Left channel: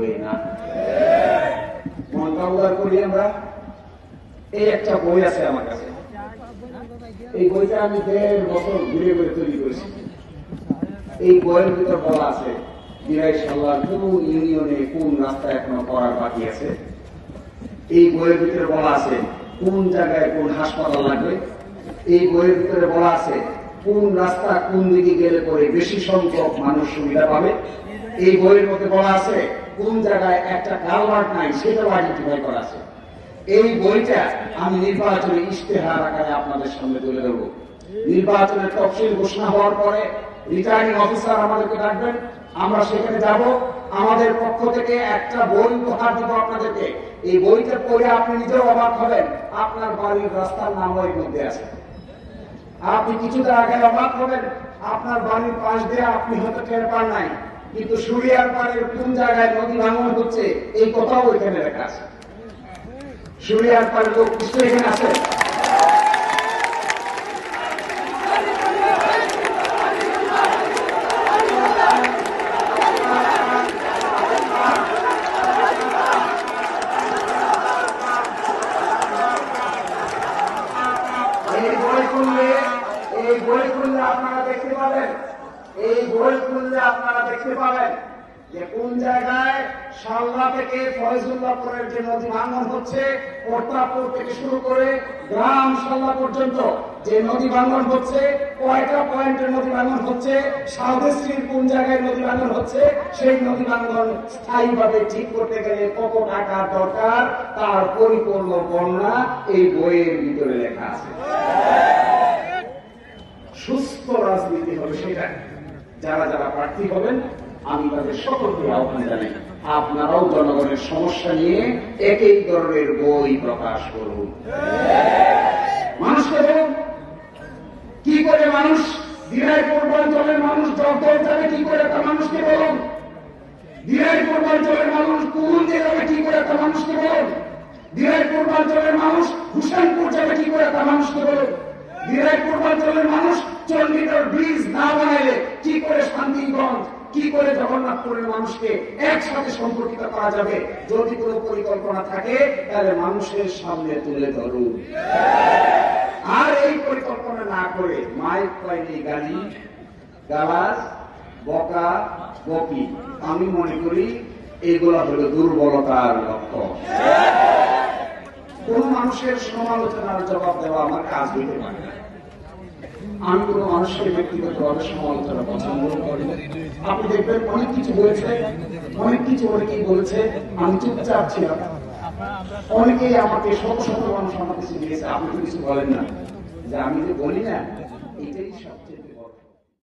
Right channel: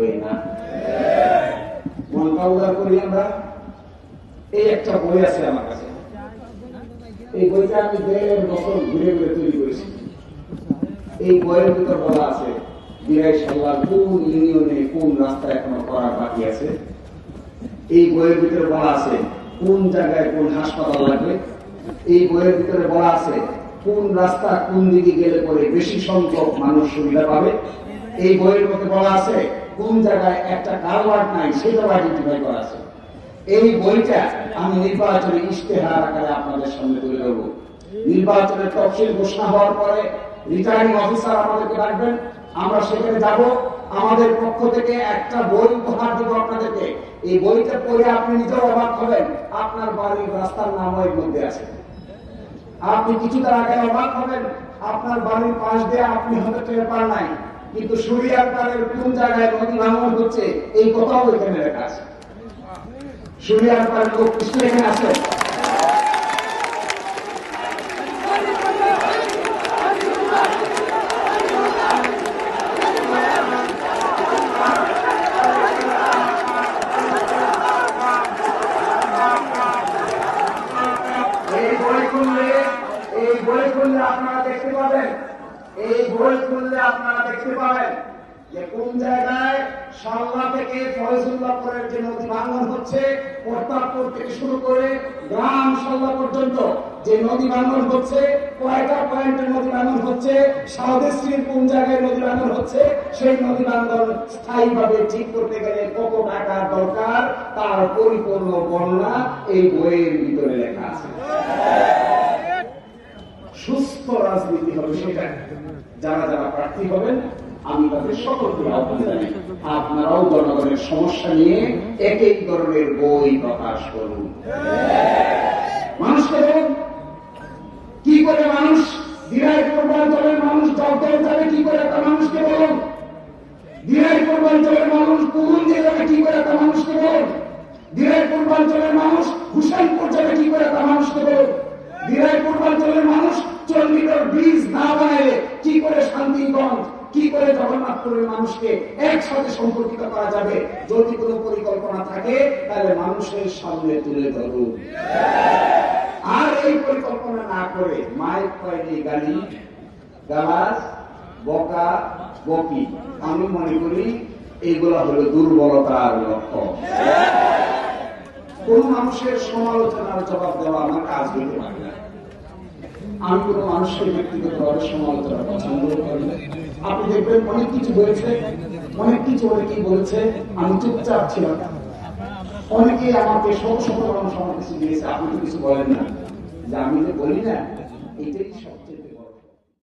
লাগবে না। মনটা উদার করি আমরা। এই একটা বই আছে আমার কাছে, এই বইটা আমি 1.5 বছর ঘুরে ঘুরে তৈরি করেছি। এই বইয়ের ভিতর বলা আছে বিরাইশাল্লাহ কোন ইউনিয়নে কোন রাস্তা এখনো করা বাকি আছে। এই বইয়ের ভিতরে বলা আছে কোন জায়গায় কোন হাসপাতাল লাগবে। এই বইয়ের ভিতরে বলা আছে কোন রাস্তা কোন দিকে গেলে পরে বেশি সংখ্যক মানুষ সুবিধা পাবে। এই বইয়ের মধ্যে বলা আছে কোন জায়গায় একটা কালভার্ট নাই সেটাও আইডেন্টিফাই করা আছে। এই বইটা আমি নির্বাচনী ইশতেহার আকারে আপনাদের সামনে তুলে ধরব। নির্বাচনের তফসিল ঘোষণা হওয়ার পরে রিটার্নিং অফিসার আমাদেরকে ডাকবেন, আমরা সেখানে যাব। আমাদের পক্ষ থেকে একটা বই উপহার দিব আপনাদেরকে। এই বইটা পড়ে আপনি নিজেও অবাক হবেন, আপনার বাড়ির রাস্তার নাম এর মধ্যে আছে। আপনি কিছুটা আগে অবাক হবেন, আপনার বাড়ির পাশ দিয়ে আপনি হয়তো টের পান নাই, কিন্তু সুরিয়ার পাড়ের কোন জায়গায় নদী ভাঙন হচ্ছে এই কথাও এখানে লেখা আছে। সুরিয়ার পাড়ের লোক নিশ্চয়ই এখানে আছে। এই বই খুললে আপনারা দেখতে পাবেন, এই বই খুললে আপনারা দেখতে পাবেন যে কোন জায়গায় শাল্লা থেকে ফয়জুল্লাহপুরের যে নদী ভাঙন হচ্ছে, প্রতাপপুর থেকে শুরু করে গ্রাম শাল্লা পর্যন্ত যে নদী ভাঙন হচ্ছে, কয়টা পয়েন্টের নদী ভাঙন হচ্ছে, সাউদিশ্রীর কোন জায়গায় নদী ভাঙন হচ্ছে, সেই নদী ভাঙন স্থায়ীভাবে ঠিক করতে গেলে কত টাকার দরকার তার পরিপূর্ণ বর্ণনা এই বইয়ের ভিতরে লেখা আছে। সুস্থ রাজনীতি হবে সেটা। যারা যারা প্রার্থী হবেন আমি তাদের সকলকে আহ্বান জানাই, আপনারাও জনগণের সমস্যা নিয়ে একই ধরনের বই প্রকাশ করুন। মানুষকে বলুন কি করে মানুষ দিনাই পূর্বাঞ্চলের মানুষ জলকল যাবে কি করে তা মানুষকে বলুন। দিনাই পূর্বাঞ্চলের মানুষ কুমুন্দি যাবে কি করে তা মানুষকে বলুন। দিনাই পূর্বাঞ্চলের মানুষ হুসেনপুর যাবে কি করে তা মানুষকে বলুন। দিনাই পূর্বাঞ্চলের মানুষ 4 মিটার ব্রিজ না বানালে কি করে শান্তিগঞ্জ, কি করে জগন্নাথপুরের মানুষকে একসাথে সম্পর্কিত করা যাবে, যদি কোনো পরিকল্পনা থাকে তাহলে মানুষের সামনে তুলে ধরুন। আর এই পরিকল্পনা না করে মায়ের কয়নি গালি গালাজ বকা বকি, আমি মনে করি এইগুলা হলো দুর্বলতার লক্ষ্য। কোন মানুষের সমালোচনার জবাব দেওয়া আমার কাজ হইতে পারে না। আমি কোনো মানুষের ব্যক্তিগতভাবে সমালোচনা পছন্দ করি না। আপনি দেখবেন অনেক কিছু বলেছে, অনেক কিছু অনেকেই বলছে, আমি চুপচাপ ছিলাম। অনেকেই আমাকে শত শত মানুষ আমার কিছু দিয়েছে, আপনি তো কিছু বলেন না, যে আমি যে বলি না এটাই সবচেয়ে